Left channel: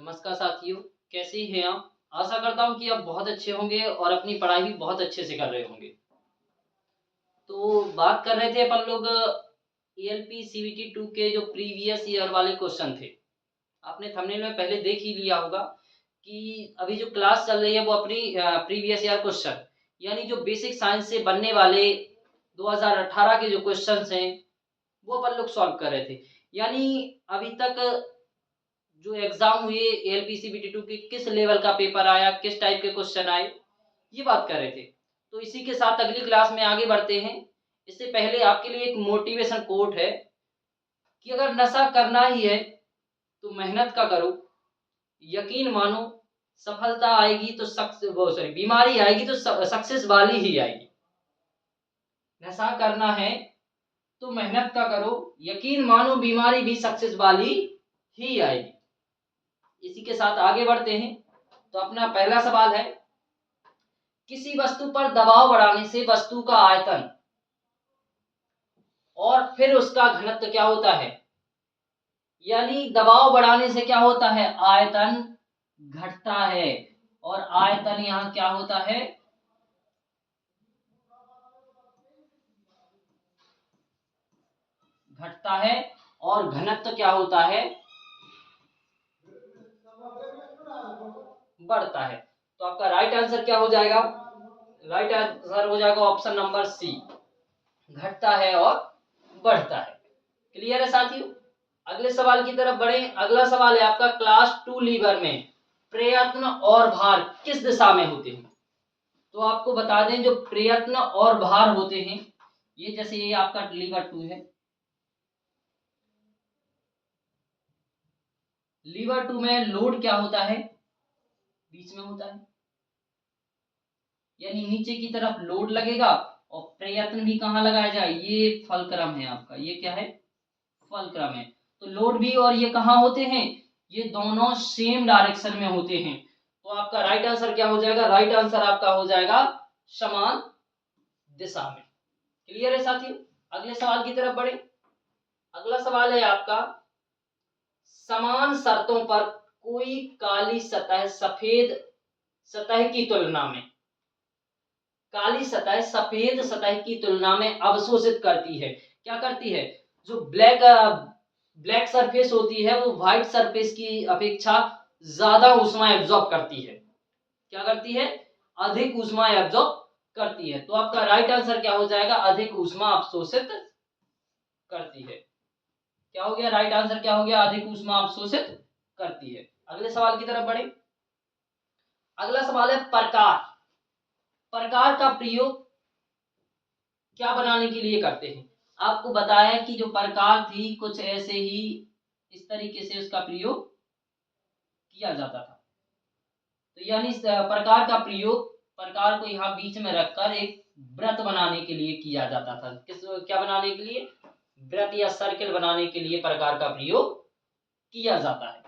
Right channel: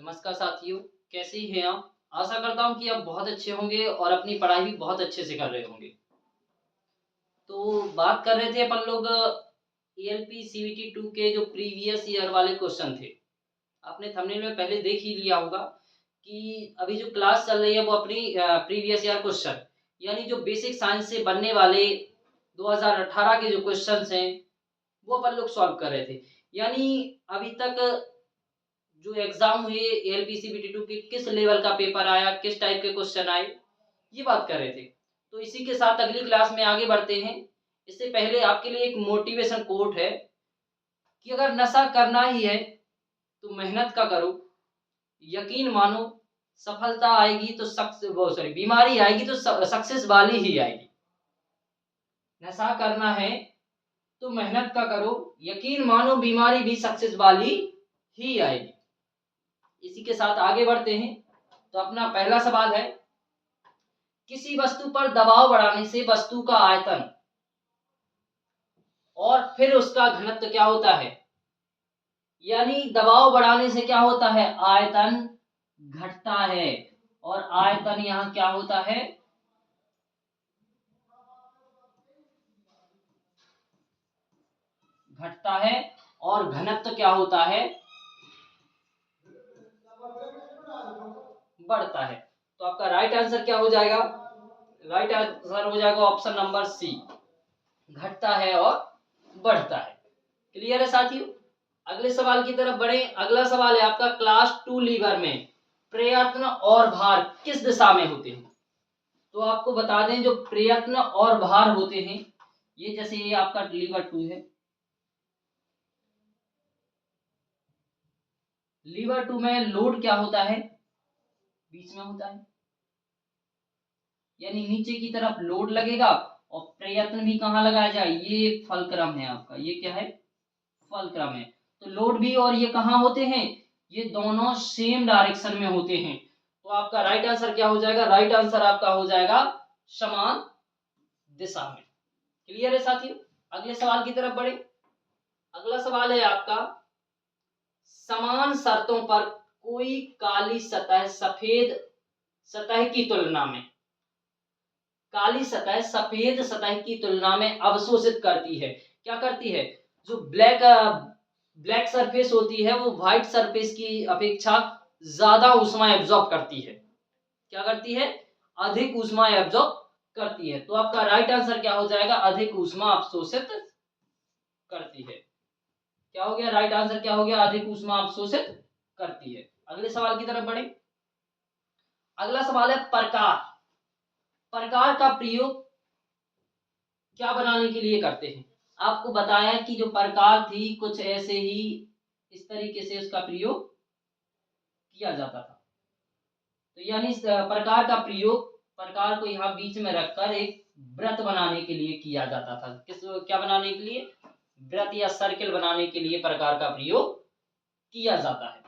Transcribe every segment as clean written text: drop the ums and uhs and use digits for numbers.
नमस्कार साथियों, कैसे हैं आप? आशा करता हूँ कि आप बहुत अच्छे होंगे और अपनी पढ़ाई भी बहुत अच्छे से कर रहे होंगे। तो बात कर रहे थे अपन लोग एएलपी सीवीटी 2 के जो प्रीवियस ईयर वाले क्वेश्चन थे। आपने थंबनेल में पहले देख ही लिया होगा कि अभी जो क्लास चल रही है वो अपनी प्रीवियस ईयर क्वेश्चन यानी जो बेसिक साइंस से बनने वाले 2018 के जो क्वेश्चंस हैं वो अपन लोग सॉल्व कर रहे थे। यानी अभी तक जो एग्जाम हुए एलपीसीबीटी 2 के किस लेवल का पेपर आया, किस टाइप के क्वेश्चन आए, ये बात कर रहे थे। तो इसी के साथ अगली क्लास में आगे बढ़ते हैं। इससे पहले आपके लिए एक मोटिवेशन कोट है कि अगर नशा करना ही है तो मेहनत का करो, यकीन मानो सफलता आएगी तो बीमारी आएगी तो सक्सेस वाली ही आएगी। नशा करना है तो मेहनत का करो, यकीन मानो बीमारी भी सक्सेस वाली ही आएगी। इसी के साथ आगे बढ़ते हैं। तो अपना पहला सवाल है, किसी वस्तु पर दबाव बढ़ाने से वस्तु का आयतन और फिर उसका घनत्व क्या होता है? यानी दबाव बढ़ाने से क्या होता है? आयतन घटता है और आयतन यहां क्या होता है? घटता है और घनत्व क्या होता है? बढ़ता है। तो आपका राइट आंसर क्या हो जाएगा? राइट आंसर हो जाएगा ऑप्शन नंबर सी, घटता है और बढ़ता है। क्लियर है साथियों? अगले सवाल की तरफ बढ़े। अगला सवाल है आपका, क्लास 2 लीवर में प्रयत्न और भार किस दिशा में होते हैं? तो आपको बता दें जो प्रयत्न और भार होते हैं, ये जैसे ये आपका लीवर 2 है, लीवर 2 में लोड क्या होता है? बीच में होता है, यानी नीचे की तरफ लोड लगेगा और प्रयत्न भी कहाँ लगाया जाए? ये फलक्रम है आपका, ये क्या है? फलक्रम है। तो लोड भी और ये कहाँ होते हैं? ये दोनों सेम डायरेक्शन में होते हैं। तो आपका राइट आंसर क्या हो जाएगा? राइट आंसर आपका हो जाएगा समान दिशा में। क्लियर है साथियों? अगले सवाल की तरफ बढ़े। अगला सवाल है आपका, समान शर्तों पर कोई काली सतह सफेद सतह की तुलना में, काली सतह सफेद सतह की तुलना में अवशोषित करती है। क्या करती है? जो ब्लैक सरफेस होती है वो व्हाइट सरफेस की अपेक्षा ज्यादा ऊष्मा एब्जॉर्ब करती है। क्या करती है? अधिक ऊष्मा एब्जॉर्ब करती है। तो आपका राइट आंसर क्या हो जाएगा? अधिक ऊष्मा अवशोषित करती है। क्या हो गया? राइट आंसर क्या हो गया? अधिक ऊष्मा अवशोषित करती है। अगले सवाल की तरफ बढ़े। अगला सवाल है, प्रकार। प्रकार का प्रयोग क्या बनाने के लिए करते हैं? आपको बताया कि जो प्रकार थी कुछ ऐसे ही इस तरीके से उसका प्रयोग किया जाता था। तो यानी इस प्रकार का प्रयोग, प्रकार को यहाँ बीच में रखकर एक वृत्त बनाने के लिए किया जाता था। किस क्या बनाने के लिए? वृत्त या सर्किल बनाने के लिए प्रकार का प्रयोग किया जाता है।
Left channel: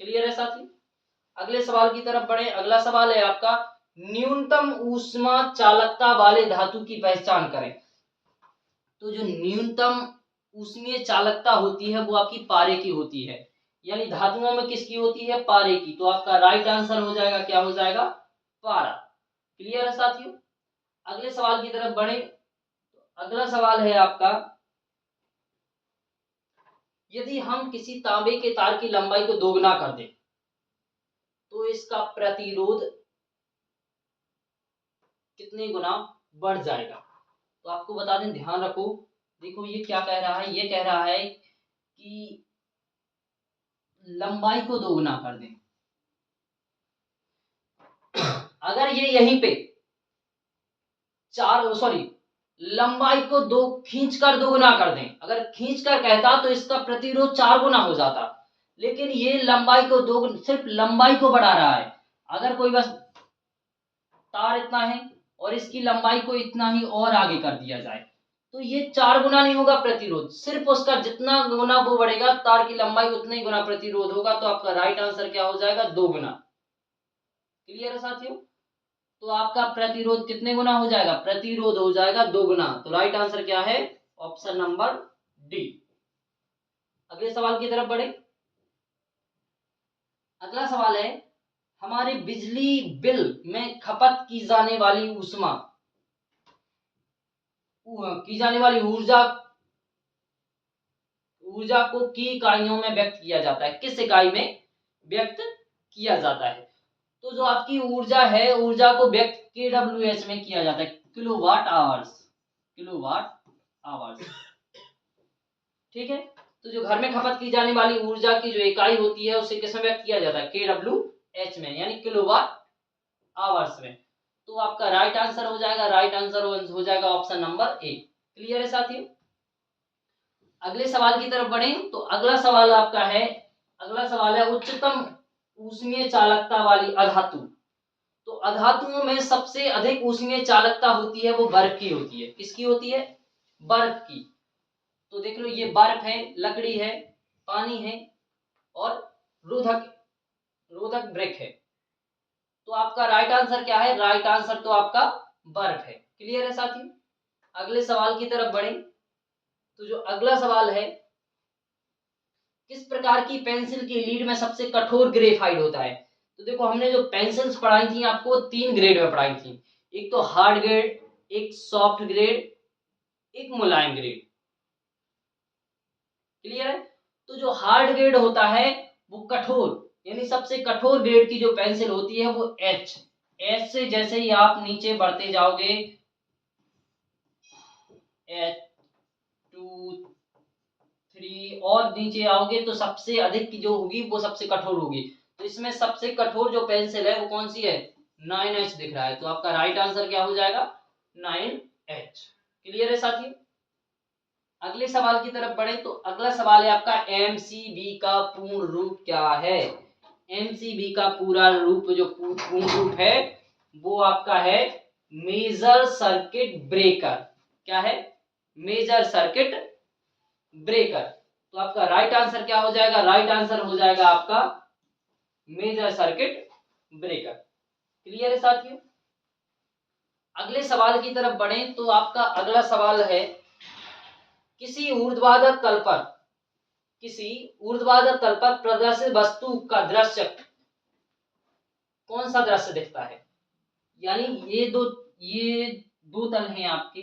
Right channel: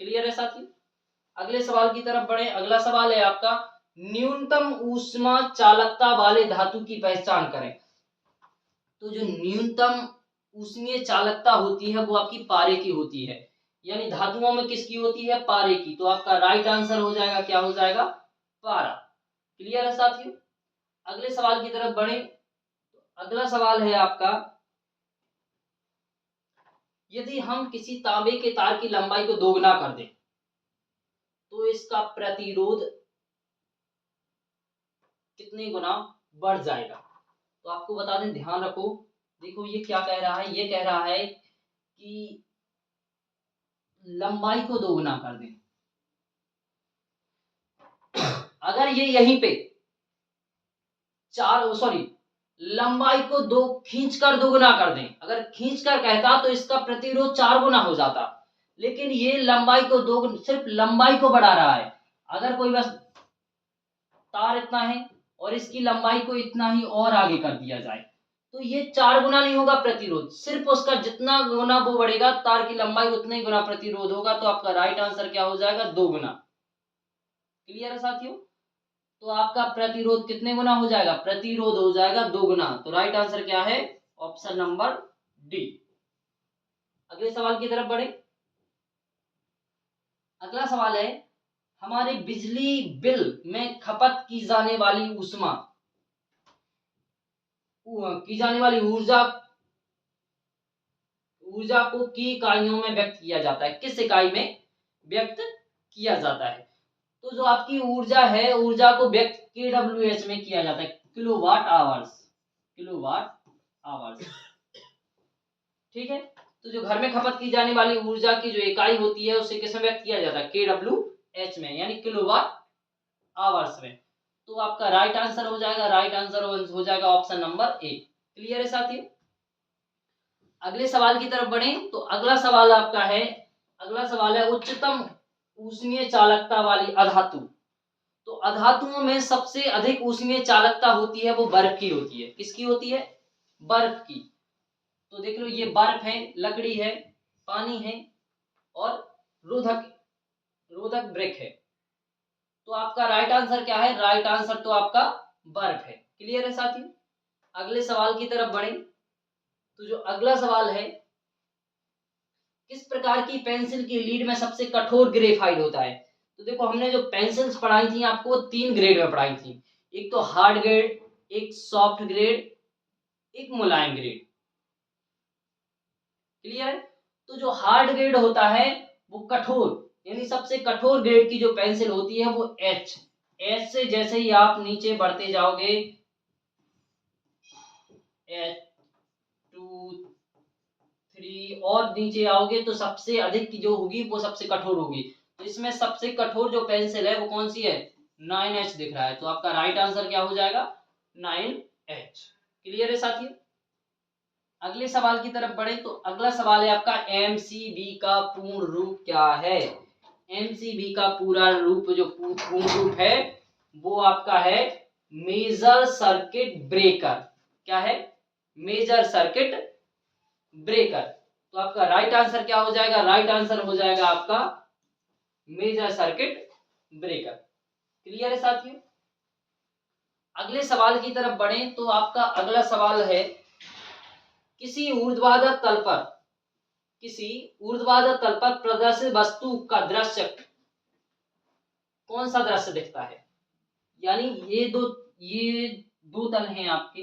क्लियर है साथी? अगले सवाल की तरफ बढ़े। अगला सवाल है आपका, न्यूनतम ऊष्मा चालकता वाले धातु की पहचान करें। तो जो न्यूनतम ऊष्मीय चालकता होती है वो आपकी पारे की होती है। यानी धातुओं में किसकी होती है? पारे की। तो आपका राइट आंसर हो जाएगा, क्या हो जाएगा? पारा। क्लियर है साथियों? अगले सवाल की तरफ बढ़े। अगला सवाल है आपका, यदि हम किसी तांबे के तार की लंबाई को दोगुना कर दें तो इसका प्रतिरोध कितने गुना बढ़ जाएगा? तो आपको बता दें, ध्यान रखो। देखो ये क्या कह रहा है? ये कह रहा है कि लंबाई को दोगुना कर दें। अगर ये यहीं पे लंबाई को दो खींचकर दोगुना कर दें, अगर खींचकर कहता तो इसका प्रतिरोध 4 गुना हो जाता, लेकिन ये लंबाई को दो, सिर्फ लंबाई को बढ़ा रहा है। अगर कोई बस तार इतना है और इसकी लंबाई को इतना ही और आगे कर दिया जाए तो ये 4 गुना नहीं होगा प्रतिरोध, सिर्फ उसका जितना गुना वो बढ़ेगा तार की लंबाई उतना ही गुना प्रतिरोध होगा। तो आपका राइट आंसर क्या हो जाएगा? 2 गुना। क्लियर है साथियों? तो आपका प्रतिरोध कितने गुना हो जाएगा? प्रतिरोध हो जाएगा 2 गुना। तो राइट आंसर क्या है? Option number D. अगले सवाल की तरफ बढ़े। अगला सवाल है, हमारे बिजली बिल में खपत की जाने वाली ऊर्जा को की इकाइयों में व्यक्त किया जाता है, किस इकाई में व्यक्त किया जाता है? तो जो आपकी ऊर्जा है, ऊर्जा को व्यक्त kWh में किया जाता है, किलोवाट आवर्स। ठीक है, तो जो घर में खपत की जाने वाली ऊर्जा की जो इकाई होती है उसे किस में व्यक्त किया जाता है? kWh में, यानी किलोवाट आवर्स में। तो आपका राइट आंसर हो जाएगा ऑप्शन नंबर ए। क्लियर है साथियों? अगले सवाल की तरफ बढ़े तो अगला सवाल है उच्चतम ऊष्मीय चालकता वाली अधातु। तो अधातुओं में सबसे अधिक ऊष्मीय चालकता होती है वो बर्फ की होती है। किसकी होती है? बर्फ की। तो देख लो, ये बर्फ है, लकड़ी है, पानी है और रोधक ब्रिक है। तो आपका राइट आंसर क्या है? राइट आंसर तो आपका बर्फ है। क्लियर है साथियों? अगले सवाल की तरफ बढ़े तो जो अगला सवाल है, किस प्रकार की पेंसिल की लीड में सबसे कठोर ग्रेफाइट होता है? तो देखो, हमने जो पेंसिल्स पढ़ाई थी आपको 3 ग्रेड में पढ़ाई थी, एक तो हार्ड ग्रेड, एक सॉफ्ट ग्रेड, एक मुलायम ग्रेड। क्लियर है? तो जो हार्ड ग्रेड होता है वो कठोर, यानी सबसे कठोर ग्रेड की जो पेंसिल होती है वो एच से जैसे ही आप नीचे बढ़ते जाओगे, H2 3 और नीचे आओगे तो सबसे अधिक की जो होगी वो सबसे कठोर होगी। तो इसमें सबसे कठोर जो पेंसिल है वो कौन सी है? 9H दिख रहा है। तो आपका राइट आंसर क्या हो जाएगा? 9H। क्लियर है साथियों? अगले सवाल की तरफ बढ़े तो अगला सवाल है आपका, एमसीबी का पूर्ण रूप क्या है? एमसीबी का पूरा रूप, जो पूर्ण रूप है वो आपका है मेजर सर्किट ब्रेकर। क्या है? Major circuit breaker. तो आपका राइट आंसर क्या हो जाएगा? राइट आंसर हो जाएगा आपका मेजर सर्किट ब्रेकर। क्लियर है साथियों? अगले सवाल की तरफ बढ़े तो आपका अगला सवाल है, किसी ऊर्ध्वाधर तल पर प्रदर्शित वस्तु का दृश्य, कौन सा दृश्य दिखता है? यानी ये दो तल हैं आपके,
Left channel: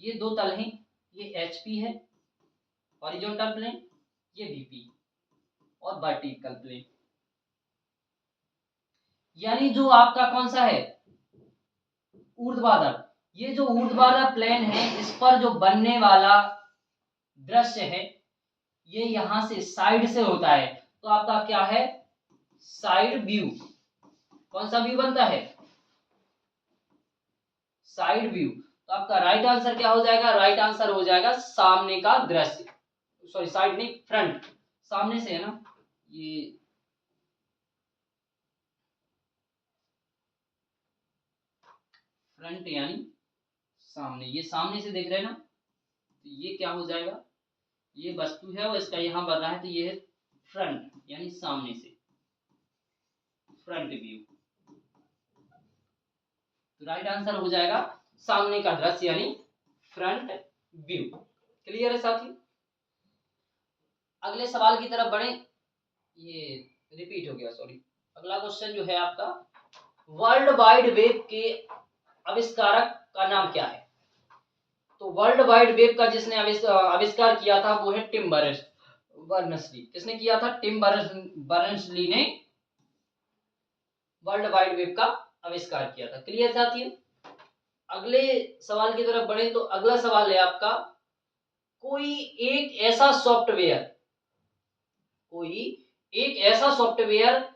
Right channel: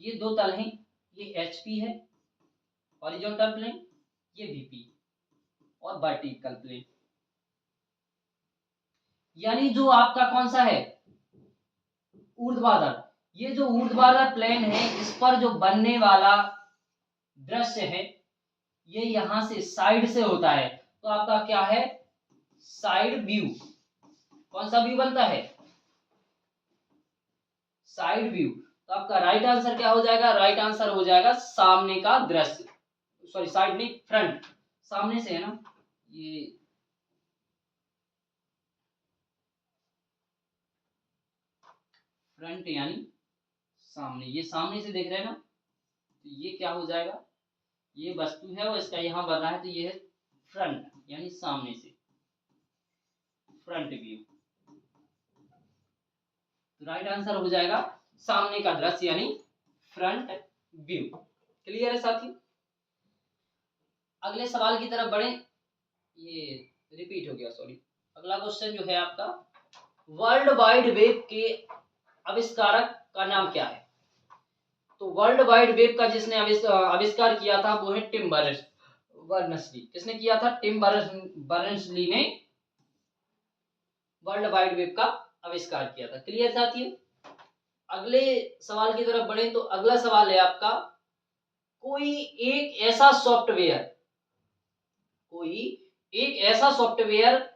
ये दो तल हैं, ये एचपी है हॉरिजॉन्टल प्लेन, ये वीपी और वर्टिकल प्लेन। यानी जो आपका कौन सा है? ऊर्ध्वाधर। ये जो ऊर्ध्वाधर प्लेन है इस पर जो बनने वाला दृश्य है ये यहां से साइड से होता है। तो आपका क्या है? Side view. कौन सा व्यू बनता है? Side view. तो आपका राइट आंसर क्या हो जाएगा? राइट आंसर हो जाएगा सामने का दृश्य। सॉरी, साइड नहीं, फ्रंट। सामने से है ना, ये फ्रंट यानी सामने, ये सामने से देख रहे हैं ना, तो ये क्या हो जाएगा? ये वस्तु है और इसका यहां बना है, तो ये है फ्रंट यानी सामने से, फ्रंट व्यू। तो राइट आंसर हो जाएगा सामने का दृश्य यानी फ्रंट व्यू। क्लियर है साथी? अगले सवाल की तरफ बढ़े, ये रिपीट हो गया, सॉरी। अगला क्वेश्चन जो है आपका, वर्ल्ड वाइड वेब के आविष्कारक का नाम क्या है? तो वर्ल्ड वाइड वेब का जिसने आविष्कार किया था वो है टिम बर्नर्स-ली। किसने किया था? टिम बर्नर्स-ली ने वर्ल्ड वाइड वेब का आविष्कार किया था। क्लियर साथियों? अगले सवाल की तरफ बढ़े तो अगला सवाल है आपका, कोई एक ऐसा सॉफ्टवेयर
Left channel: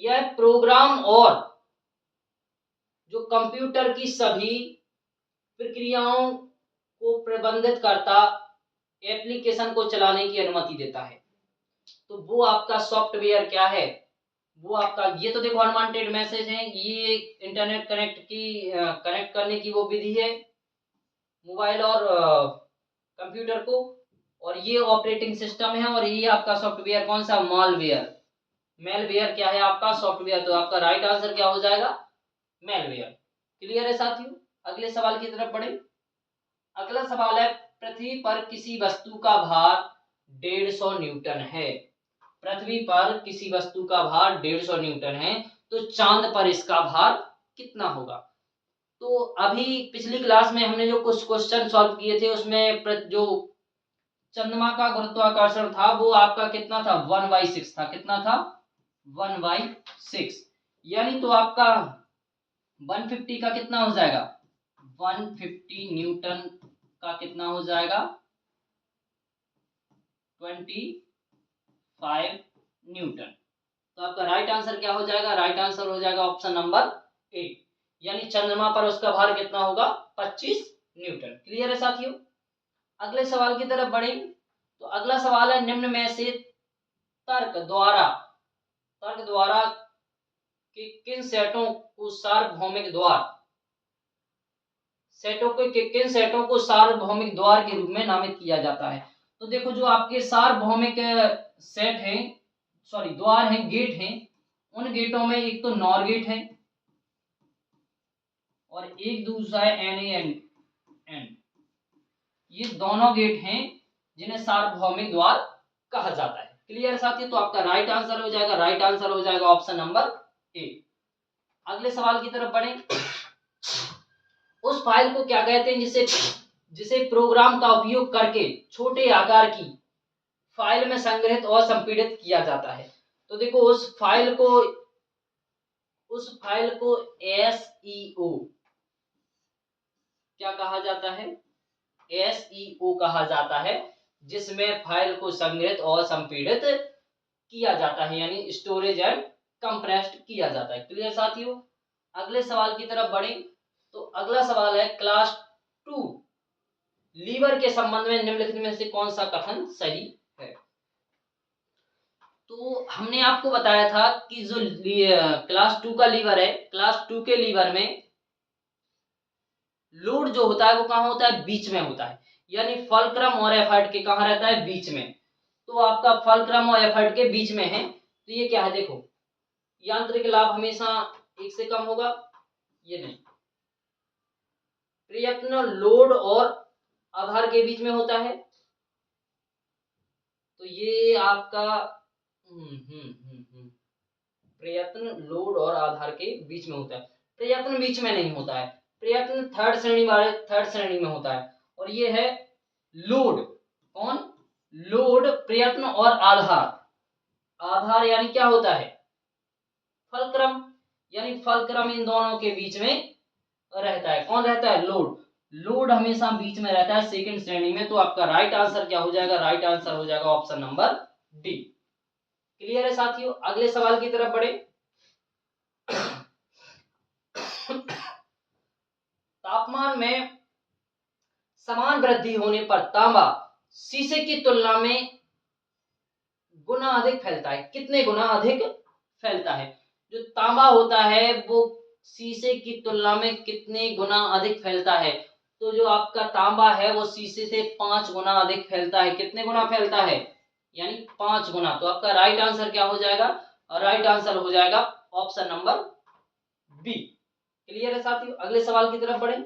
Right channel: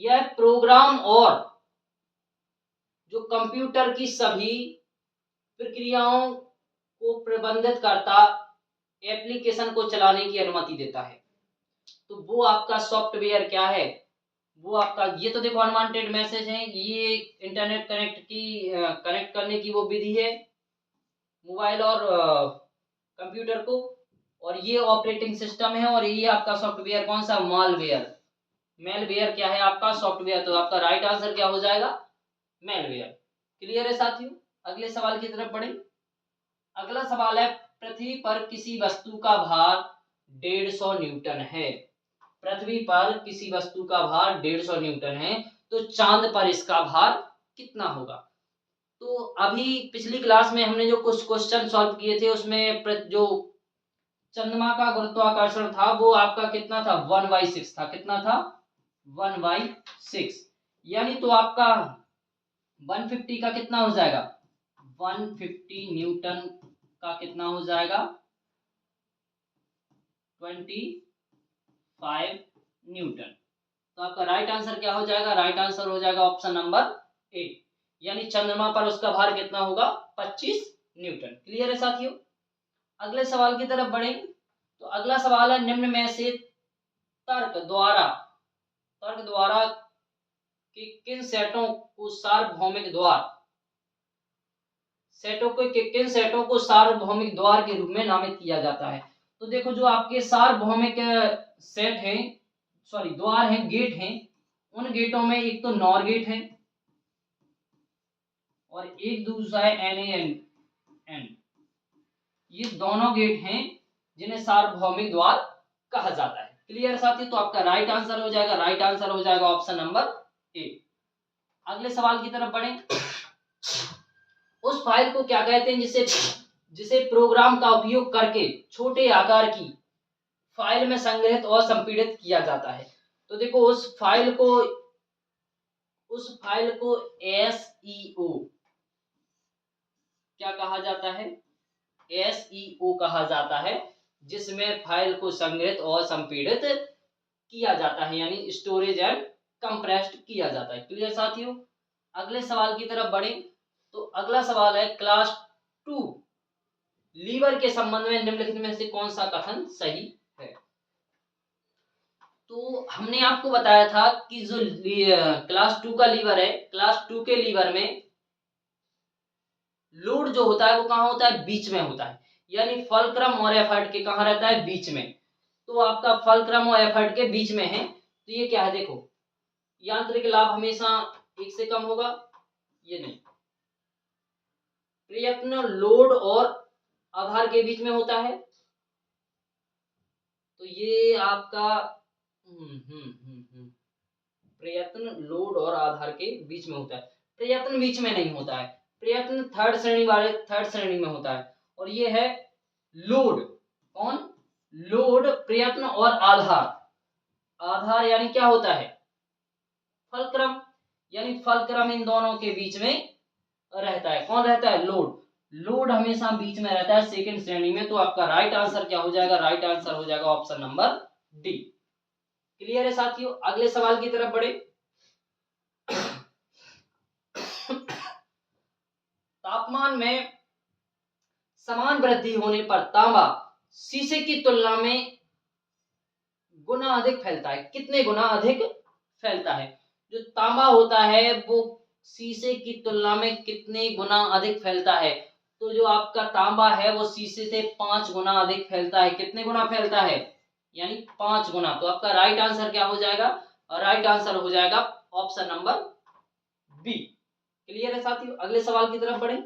या प्रोग्राम और जो कंप्यूटर की सभी प्रक्रियाओं को प्रबंधित करता एप्लीकेशन को चलाने की अनुमति देता है। तो वो आपका सॉफ्टवेयर क्या है? वो आपका, ये तो देखो अनवांटेड मैसेज है, ये इंटरनेट कनेक्ट करने की वो विधि है मोबाइल और कंप्यूटर को, और ये ऑपरेटिंग सिस्टम है, और ये आपका सॉफ्टवेयर कौन सा? मेलवेयर क्या है आपका? सॉफ्टवेयर। तो आपका राइट आंसर क्या हो जाएगा? मेलवेयर। क्लियर है साथियों? अगले सवाल की तरफ बढ़े। अगला सवाल है, पृथ्वी पर किसी वस्तु का भार 150 न्यूटन है। पृथ्वी पर किसी वस्तु का भार 150 न्यूटन है, तो चांद पर इसका भार कितना होगा? तो अभी पिछली क्लास में हमने जो कुछ क्वेश्चन सॉल्व किए थे उसमें जो चंद्रमा का गुरुत्वाकर्षण था वो आपका कितना था? 1/6 था। कितना था? 1/6। यानी तो आपका 150 का कितना हो जाएगा? 150 न्यूटन का कितना हो जाएगा? 25 न्यूटन। तो आपका राइट आंसर क्या हो जाएगा? राइट आंसर हो जाएगा ऑप्शन नंबर ए, यानी चंद्रमा पर उसका भार कितना होगा? 25 न्यूटन। क्लियर है साथियों? अगले सवाल की तरफ बढ़ेंगे। तो अगला सवाल है, निम्न में से तर्क द्वारा कि किन सेटों को सार्वभौमिक द्वार के रूप में नामित किया जाता है? तो देखो, जो आपके सार्वभौमिक सेट हैं, सॉरी द्वार हैं, गेट हैं, उन गेटों में एक तो नॉर गेट है और एक दूसरा है NaN। ये दोनों गेट हैं जिन्हें सार्वभौमिक द्वार कहा जाता है। क्लियर साथी? तो आपका राइट आंसर हो जाएगा ऑप्शन नंबर ए। अगले सवाल की तरफ बढ़ें। उस फाइल को क्या कहते हैं जिसे प्रोग्राम का उपयोग करके छोटे आकार की फाइल में संग्रहित और संपीड़ित किया जाता है? तो देखो, उस फाइल को SEO क्या कहा जाता है? SEO कहा जाता है, जिसमें फाइल को संग्रहित और संपीड़ित किया जाता है, यानी स्टोरेज एंड कंप्रेस्ड किया जाता है। क्लियर साथियों? अगले सवाल की तरफ बढ़ें। तो अगला सवाल है, क्लास 2 लीवर के संबंध में निम्नलिखित में से कौन सा कथन सही है? तो हमने आपको बताया था कि जो क्लास 2 का लीवर है, क्लास 2 के लीवर में लोड जो होता है वो कहाँ होता है? बीच में होता है, यानी फलक्रम और एफर्ट के कहाँ रहता है? बीच में। तो आपका फलक्रम और एफर्ट के बीच में है, तो ये क्या है? देखो, यांत्रिक लाभ हमेशा 1 से कम होगा, ये नहीं। प्रयत्न लोड और आधार के बीच में होता है, तो ये आपका प्रयत्न लोड और आधार के बीच में होता है। प्रयत्न बीच में नहीं होता है, प्रयत्न थर्ड श्रेणी में होता है। और ये है लोड। कौन? लोड, प्रयत्न और आधार यानी क्या होता है? फलक्रम, यानी फलक्रम इन दोनों के बीच में रहता है। कौन रहता है? लोड हमेशा बीच में रहता है सेकंड श्रेणी में। तो आपका राइट आंसर क्या हो जाएगा? राइट आंसर हो जाएगा ऑप्शन नंबर डी। क्लियर है साथियों? अगले सवाल की तरफ बढ़े। तापमान में समान वृद्धि होने पर तांबा शीशे की तुलना में गुना अधिक फैलता है। कितने गुना अधिक फैलता है? जो तांबा होता है वो शीशे की तुलना में कितने गुना अधिक फैलता है? तो जो आपका तांबा है वो शीशे से 5 गुना अधिक फैलता है। कितने गुना फैलता है? यानी 5 गुना। तो आपका राइट आंसर क्या हो जाएगा? और राइट आंसर हो जाएगा ऑप्शन नंबर बी। क्लियर है साथियों? अगले सवाल की तरफ बढ़े।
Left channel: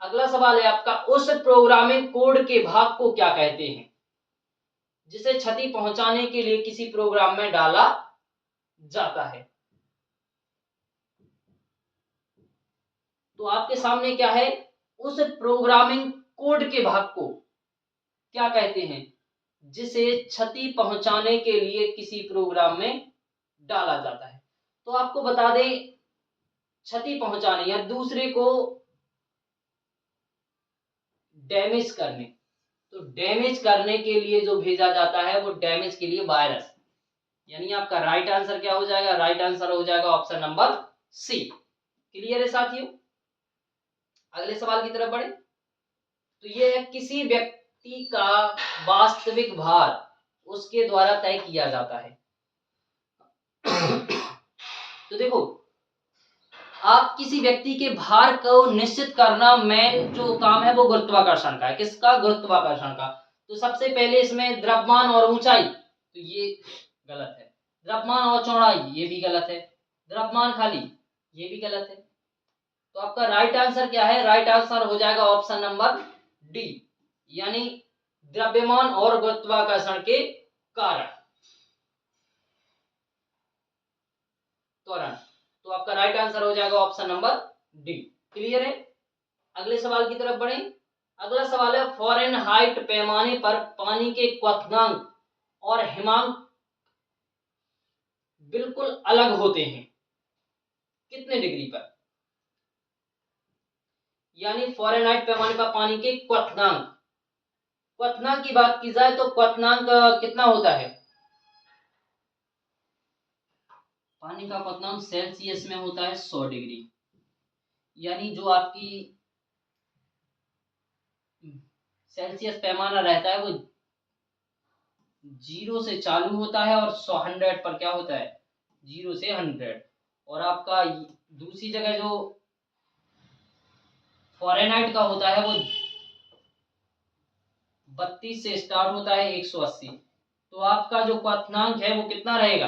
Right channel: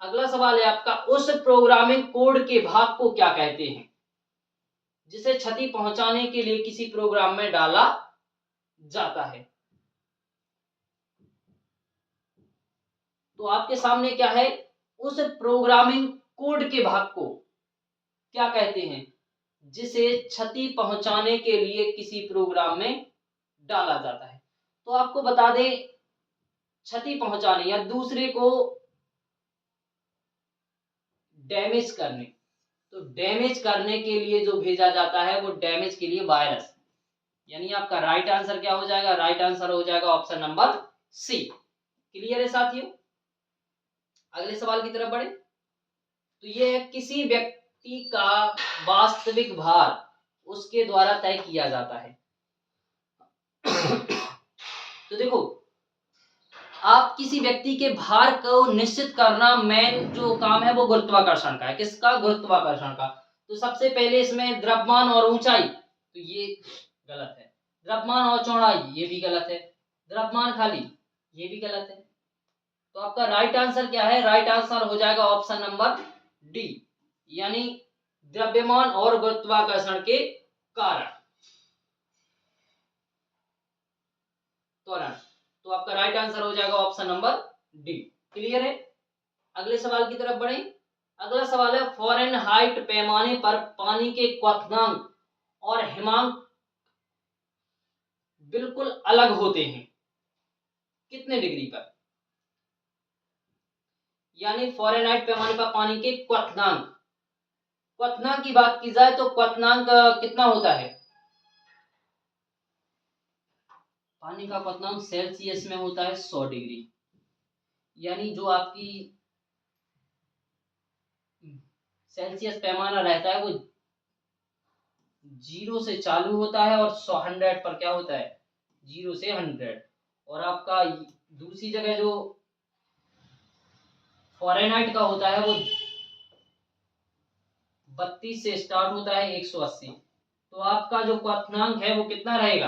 अगला सवाल है आपका, उस प्रोग्रामिंग कोड के भाग को क्या कहते हैं जिसे क्षति पहुंचाने के लिए किसी प्रोग्राम में डाला जाता है? तो आपके सामने क्या है? उस प्रोग्रामिंग कोड के भाग को क्या कहते हैं जिसे क्षति पहुंचाने के लिए किसी प्रोग्राम में डाला जाता है? तो आपको बता दें, क्षति पहुंचाने या दूसरे को डैमेज करने, तो डैमेज करने के लिए जो भेजा जाता है वो डैमेज के लिए वायरस। यानी आपका राइट आंसर क्या हो जाएगा? राइट आंसर हो जाएगा ऑप्शन नंबर सी। क्लियर है साथियों? अगले सवाल की तरफ बढ़े। तो ये है, किसी व्यक्ति का वास्तविक भार उसके द्वारा तय किया जाता है। तो देखो, आप किसी व्यक्ति के भार को निश्चित करना मेन जो काम है वो गुरुत्वाकर्षण का है। किसका? गुरुत्वाकर्षण का। तो सबसे पहले इसमें द्रव्यमान और ऊंचाई, तो ये गलत है। द्रव्यमान और चौड़ाई, ये भी गलत है। द्रव्यमान खाली, ये भी गलत है। तो आपका राइट आंसर क्या है? राइट आंसर हो जाएगा ऑप्शन नंबर डी, यानी द्रव्यमान और गुरुत्वाकर्षण के कारण, त्वरण। तो आपका राइट आंसर हो जाएगा ऑप्शन नंबर डी। क्लियर है? अगले सवाल की तरफ बढ़े। अगला सवाल है, फ़ारेनहाइट पैमाने पर पानी के क्वथनांक और हिमांक बिल्कुल अलग होते हैं, कितने डिग्री पर? यानी फ़ारेनहाइट पैमाने पर पानी के क्वथनांक, क्वथनांक की बात की जाए तो क्वथनांक कितना होता है? पानी का क्वथनांक सेल्सियस में होता है 100 डिग्री, यानी जो आपकी सेल्सियस पैमाना रहता है वो 0 से चालू होता है और 100 पर क्या होता है? 0 से 100। और आपका दूसरी जगह जो फ़ारेनहाइट का होता है वो 32 से स्टार्ट होता है 180। तो आपका जो क्वथनांक है वो कितना रहेगा?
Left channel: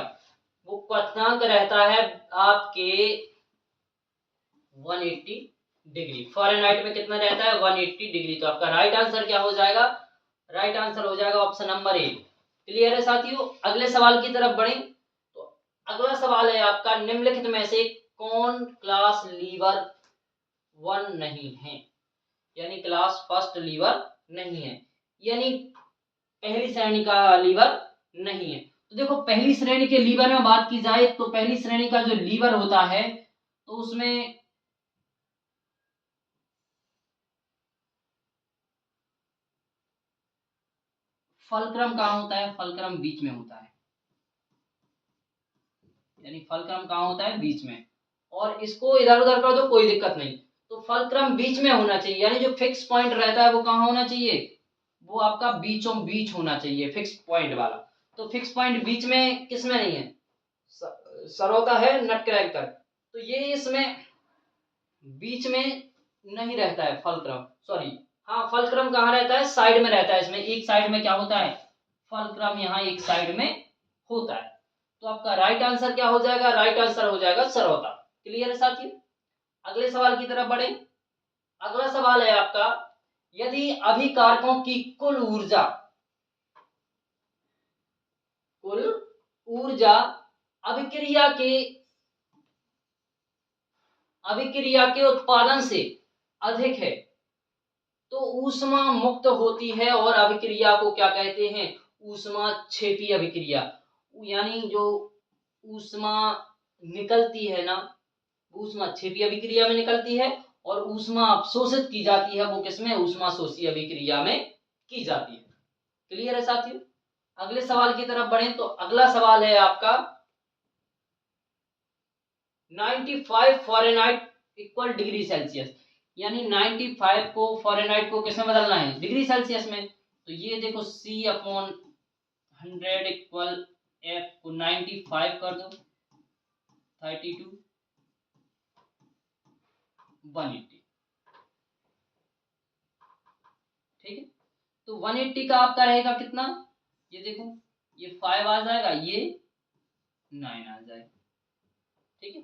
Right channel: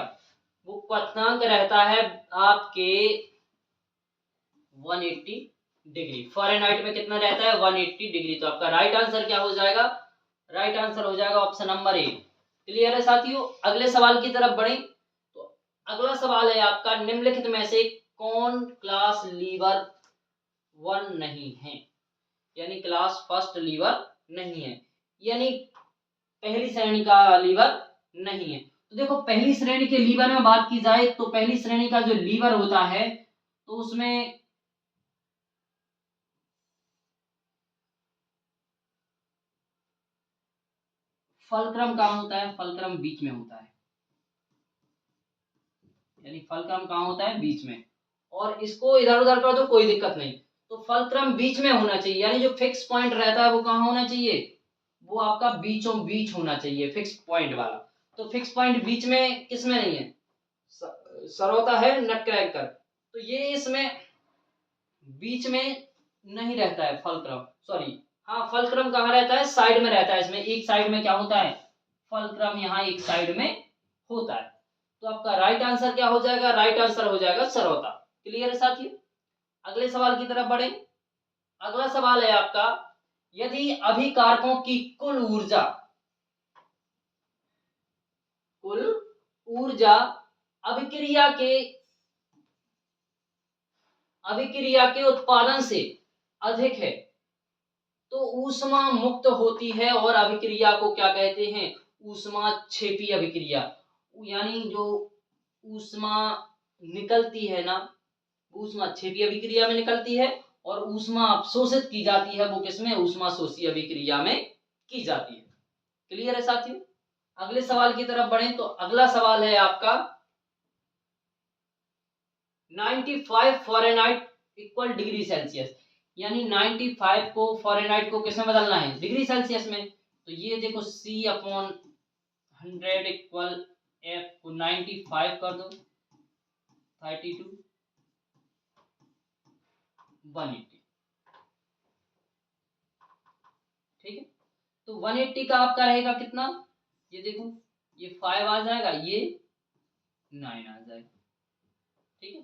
वो क्वथनांक रहता है आपके 180 डिग्री। फ़ारेनहाइट में कितना रहता है? 180 डिग्री। तो आपका राइट आंसर क्या हो जाएगा? राइट आंसर हो जाएगा ऑप्शन नंबर ए। क्लियर है साथियों? अगले सवाल की तरफ बढ़ें। तो अगला सवाल है आपका, निम्नलिखित में से कौन क्लास लीवर 1 नहीं है, यानी क्लास फर्स्ट लीवर नहीं है, यानी पहली श्रेणी का लीवर नहीं है। तो देखो, पहली श्रेणी के लीवर में बात की जाए तो पहली श्रेणी का जो लीवर होता है तो उसमें फलक्रम कहाँ होता है? फलक्रम बीच में होता है, यानी फलक्रम कहाँ होता है? बीच में। और इसको इधर उधर कर दो कोई दिक्कत नहीं, तो फलक्रम बीच में होना चाहिए, यानी जो फिक्स पॉइंट रहता है वो कहाँ होना चाहिए? वो आपका बीचों बीच होना चाहिए, फिक्स पॉइंट वाला। तो फिक्स पॉइंट बीच में किसमें नहीं है? सरौता है, नटक्रैकर। तो ये इसमें बीच में नहीं रहता है फलक्रम, सॉरी, हाँ फलक्रम कहाँ रहता है? साइड में रहता है। इसमें एक साइड में क्या होता है? फलक्रम यहाँ एक साइड में होता है। तो आपका राइट आंसर क्या हो जाएगा? राइट आंसर हो जाएगा सरौता। क्लियर है साथियों? अगले सवाल की तरफ बढ़े। अगला सवाल है आपका, यदि अभिकारकों की कुल ऊर्जा अभिक्रिया के उत्पादन से अधिक है तो ऊष्मा मुक्त होती है, और अभिक्रिया को क्या कहते हैं? ऊष्माक्षेपी अभिक्रिया। यानी जो ऊष्मा निकलती है ना, ऊष्माक्षेपी अभिक्रिया में निकलती है, और ऊष्मा अवशोषित की जाती है वो किसमें? ऊष्माशोषी अभिक्रिया में की जाती है। क्लियर है साथियों? अगले सवाल की तरफ बढ़ें तो अगला सवाल है आपका, 95 फ़ारेनहाइट इक्वल डिग्री सेल्सियस, यानी 95 को फ़ारेनहाइट को किसमें बदलना है? डिग्री सेल्सियस में। तो ये देखो, C/100 इक्वल F को 95 कर दो, 32 180। ठीक है? तो 180 का आपका रहेगा कितना? ये देखो, ये 5 आ जाएगा, ये 9 आ जाएगा। ठीक है?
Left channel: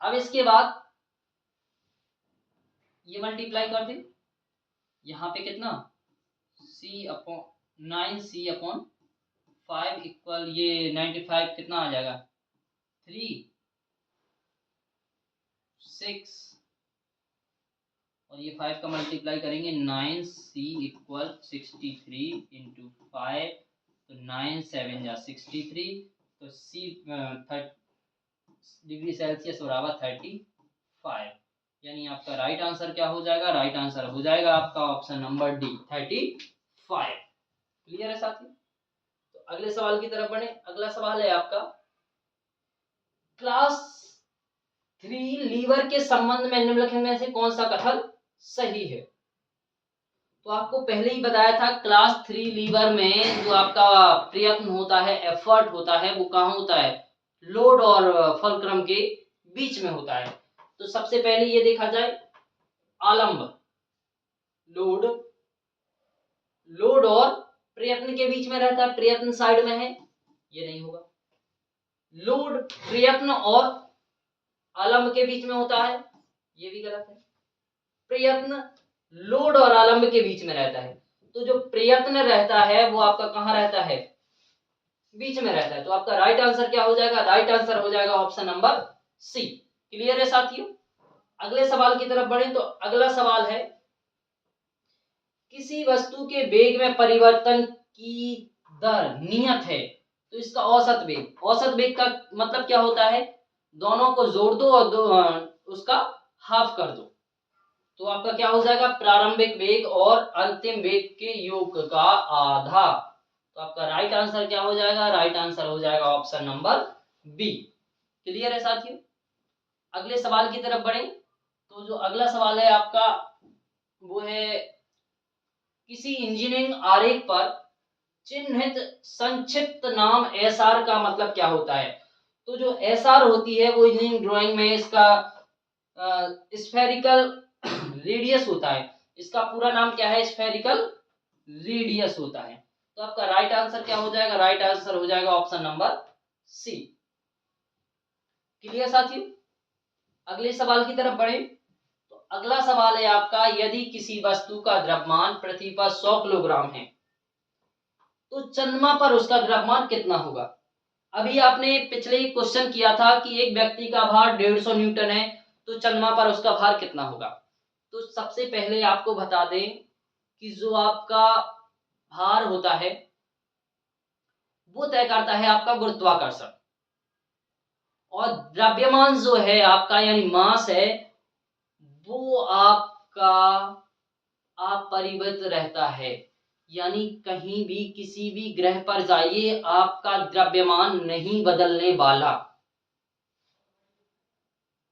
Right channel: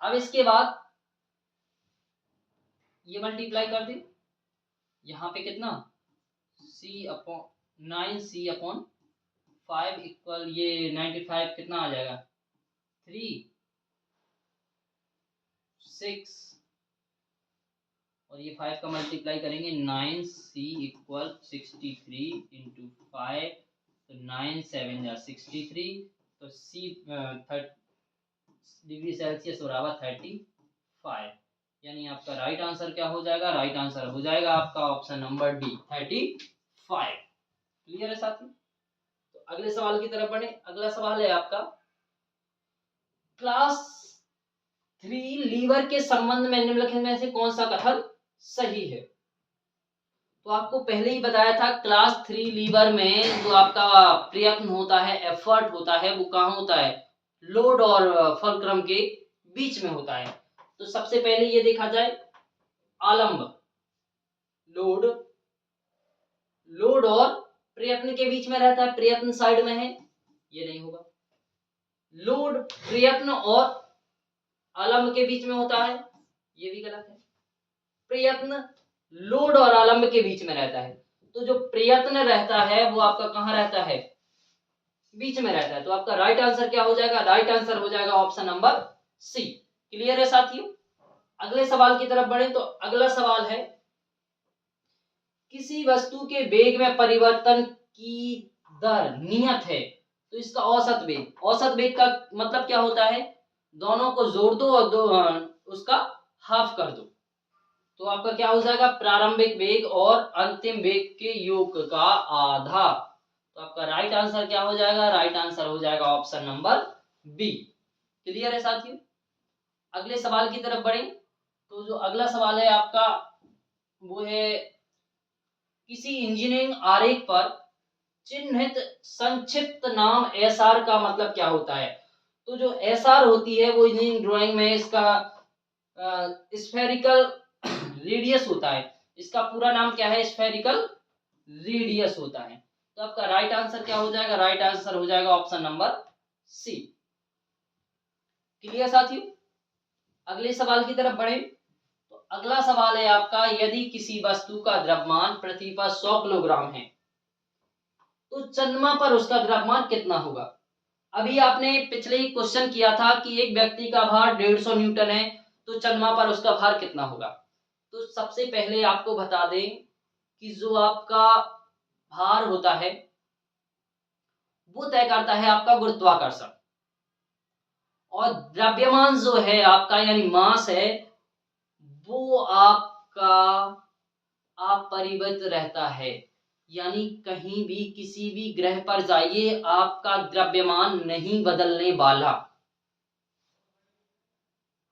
अब इसके बाद ये मल्टीप्लाई कर दे, यहाँ पे कितना? 9C/5 इक्वल ये 95 कितना आ जाएगा? 3 6, और ये 5 का मल्टीप्लाई करेंगे, 9C इक्वल 63 इंटू 5, तो 9 7 जा 63, तो C डिग्री सेल्सियस बराबर 35, यानी आपका राइट आंसर क्या हो जाएगा? राइट आंसर हो जाएगा आपका ऑप्शन नंबर डी, 35। क्लियर है साथी? तो अगले सवाल की तरफ बढ़े। अगला सवाल है आपका, क्लास 3 लीवर के संबंध में निम्नलिखित में से कौन सा कथन सही है? तो आपको पहले ही बताया था, क्लास 3 लीवर में जो आपका प्रयत्न होता है, एफर्ट होता है, वो कहाँ होता है? लोड और फलक्रम के बीच में होता है। तो सबसे पहले ये देखा जाए, आलंब लोड, लोड और प्रयत्न के बीच में रहता है, प्रयत्न साइड में है, ये नहीं होगा। लोड प्रयत्न और आलंब के बीच में होता है, ये भी गलत है। प्रयत्न लोड और आलम्ब के बीच में रहता है, तो जो प्रयत्न रहता है वो आपका कहाँ रहता है, बीच में रहता है। तो आपका राइट आंसर क्या हो जाएगा, राइट आंसर हो जाएगा ऑप्शन नंबर सी। क्लियर है साथियों। अगले सवाल की तरफ बढ़े तो अगला सवाल है, किसी वस्तु के वेग में परिवर्तन की दर नियत है तो इसका औसत वेग, औसत वेग का मतलब क्या होता है, दोनों को जोड़ दो और उसका हाफ कर दो, तो आपका क्या हो जाएगा, प्रारंभिक वेग और अंतिम वेग के योग का आधा। तो आपका राइट आंसर क्या हो जाएगा, राइट आंसर हो जाएगा ऑप्शन नंबर बी। क्लियर है साथियों। अगले सवाल की तरफ बढ़ें तो जो अगला सवाल है आपका वो है, किसी इंजीनियरिंग आरेख पर चिन्हित संक्षिप्त नाम एसआर का मतलब क्या होता है। तो जो एसआर होती है वो इंजीनियरिंग ड्राइंग में इसका स्फेरिकल रेडियस होता है, इसका पूरा नाम क्या है, स्फेरिकल रेडियस होता है। तो आपका राइट आंसर क्या हो जाएगा, राइट आंसर हो जाएगा ऑप्शन नंबर सी। क्लियर साथियों। अगले सवाल की तरफ बढ़े तो अगला सवाल है आपका, यदि किसी वस्तु का द्रव्यमान पृथ्वी पर 100 किलोग्राम है तो चंद्रमा पर उसका द्रव्यमान कितना होगा। अभी आपने पिछले ही क्वेश्चन किया था कि एक व्यक्ति का भार 150 न्यूटन है तो चंद्रमा पर उसका भार कितना होगा। तो सबसे पहले आपको बता दें कि जो आपका भार होता है वो तय करता है आपका गुरुत्वाकर्षण, और द्रव्यमान जो है आपका यानी मास है वो आपका अपरिवर्तित रहता है, यानी कहीं भी किसी भी ग्रह पर जाइए आपका द्रव्यमान नहीं बदलने वाला।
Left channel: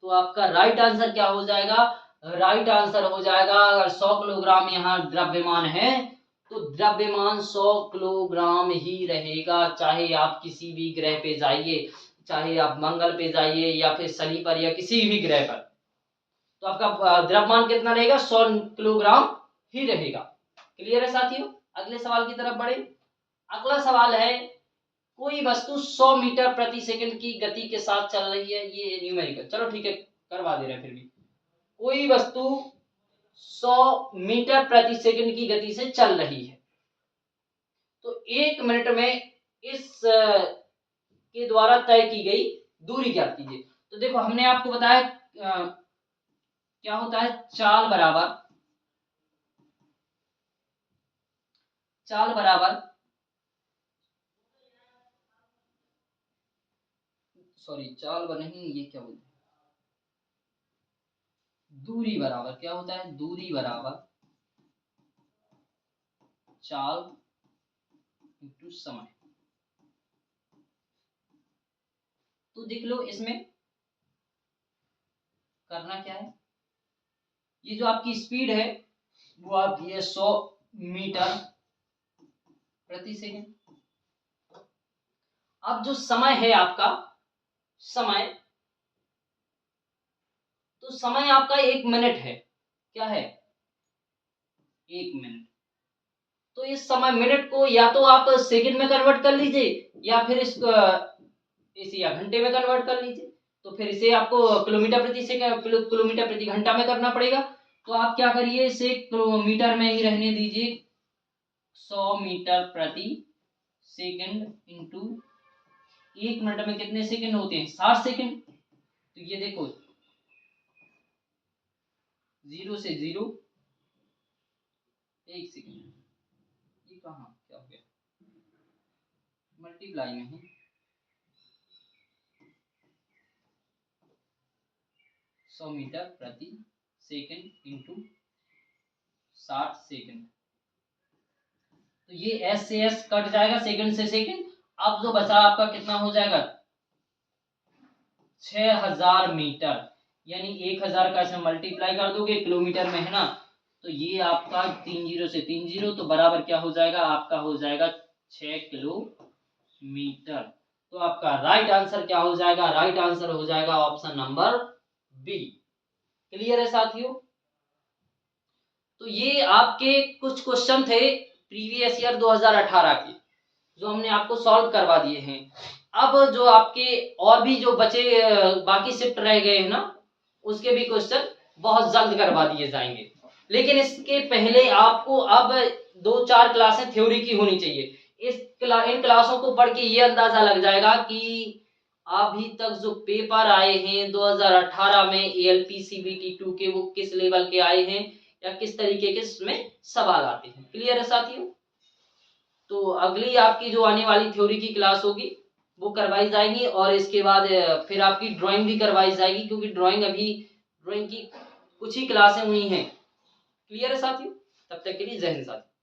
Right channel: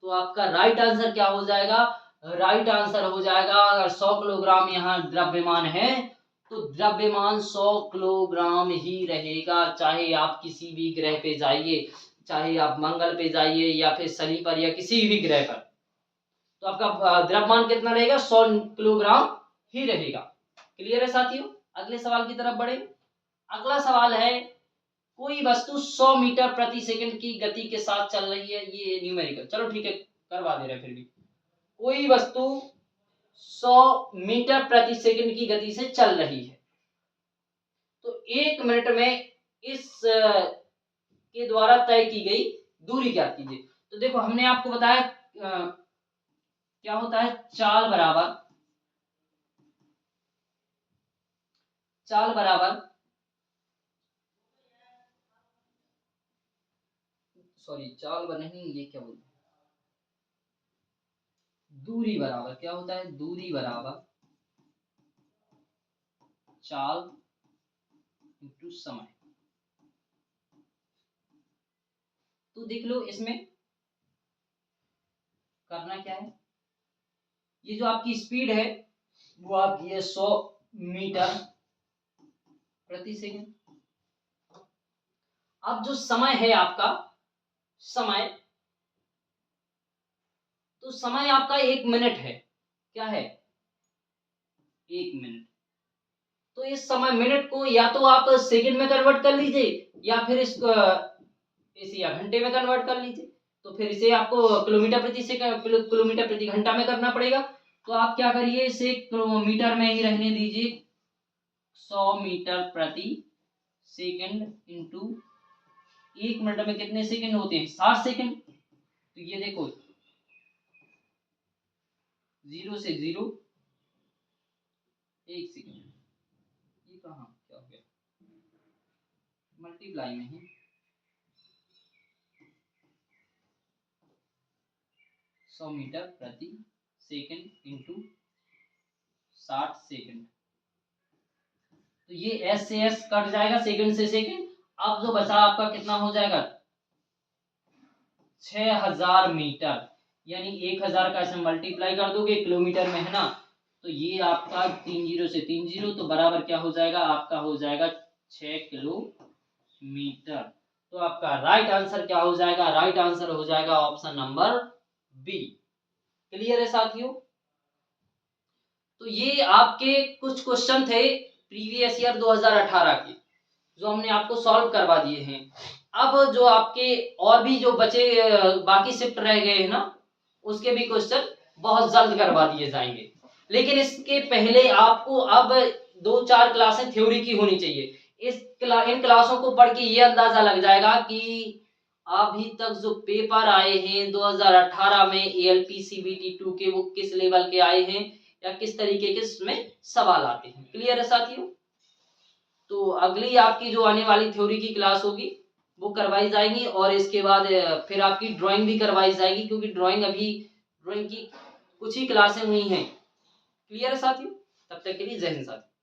तो आपका राइट आंसर क्या हो जाएगा, राइट आंसर हो जाएगा, अगर 100 किलोग्राम यहाँ द्रव्यमान है तो द्रव्यमान 100 किलोग्राम ही रहेगा, चाहे आप किसी भी ग्रह पे जाइए, चाहे आप मंगल पे जाइए या फिर शनि पर या किसी भी ग्रह पर, तो आपका द्रव्यमान कितना रहेगा, 100 किलोग्राम ही रहेगा। क्लियर है साथियों। अगले सवाल की तरफ बढ़े। अगला सवाल है, कोई वस्तु 100 मीटर प्रति सेकंड की गति के साथ चल रही है, ये न्यूमेरिकल, चलो ठीक है करवा दे रहे हैं फिर भी। कोई वस्तु 100 मीटर प्रति सेकंड की गति से चल रही है तो 1 मिनट में इस के द्वारा तय की गई दूरी ज्ञात कीजिए। तो देखो हमने आपको बताया क्या होता है, चाल बराबर सॉरी चाल नहीं, ये क्या बोलते, दूरी बराबर क्या होता है, दूरी बराबर चाल इंटू समय। तो देख लो इसमें करना क्या है, ये जो आपकी स्पीड है वो आपकी है 100 मीटर प्रति सेकंड। अब जो समय है आपका, समय, तो समय आपका 1 मिनट है, क्या है 1 मिनट। तो इस समय मिनट को या तो आप सेकंड में कन्वर्ट कर लीजिए या फिर इसको इसे या घंटे में कन्वर्ट कर लीजिए, तो फिर इसे आपको किलोमीटर प्रति सेकंड किलोमीटर प्रति घंटा में करना पड़ेगा। तो आप क्या करिए, इसे किलोमीटर में ही रहने दीजिए, 100 मीटर प्रति सेकंड इंटू 1 मिनट में कितने सेकंड होते हैं, 60 सेकंड। तो ये देखो 0 से 0 1 सेकंड, ये कहाँ क्या हो गया, मल्टीप्लाई में है 100 मीटर प्रति सेकंड इंटू 60 सेकंड। तो ये एस से एस कट जाएगा, सेकंड से सेकंड। अब जो बचा आपका कितना हो जाएगा, 6000 मीटर, यानी 1000 का इसमें मल्टीप्लाई कर दोगे, किलोमीटर में है ना, तो ये आपका 3 जीरो से 3 जीरो, तो बराबर क्या हो जाएगा, आपका हो जाएगा 6 किलोमीटर। तो आपका राइट आंसर क्या हो जाएगा, राइट आंसर हो जाएगा ऑप्शन नंबर बी। क्लियर है साथियों। तो ये आपके कुछ क्वेश्चन थे प्रीवियस ईयर 2018 के, जो हमने आपको सॉल्व करवा दिए हैं। अब जो आपके और भी जो बचे बाकी शिफ्ट रह गए हैं ना, उसके भी क्वेश्चन बहुत जल्द करवा दिए जाएंगे। लेकिन इसके पहले आपको अब 2-4 क्लासें थ्योरी की होनी चाहिए। इन क्लासों को पढ़ के ये अंदाजा लग जाएगा कि अभी तक जो पेपर आए हैं 2018 में एएलपी सीबीटी 2 के, वो किस लेवल के आए हैं या किस तरीके के इसमें सवाल आते हैं। क्लियर है साथियों? तो अगली आपकी जो आने वाली थ्योरी की क्लास होगी वो करवाई जाएगी, और इसके बाद फिर आपकी ड्राइंग भी करवाई जाएगी, क्योंकि ड्राइंग की कुछ ही क्लासें हुई हैं। क्लियर है साथियों? तब तक के लिए जय हिंद साथियों।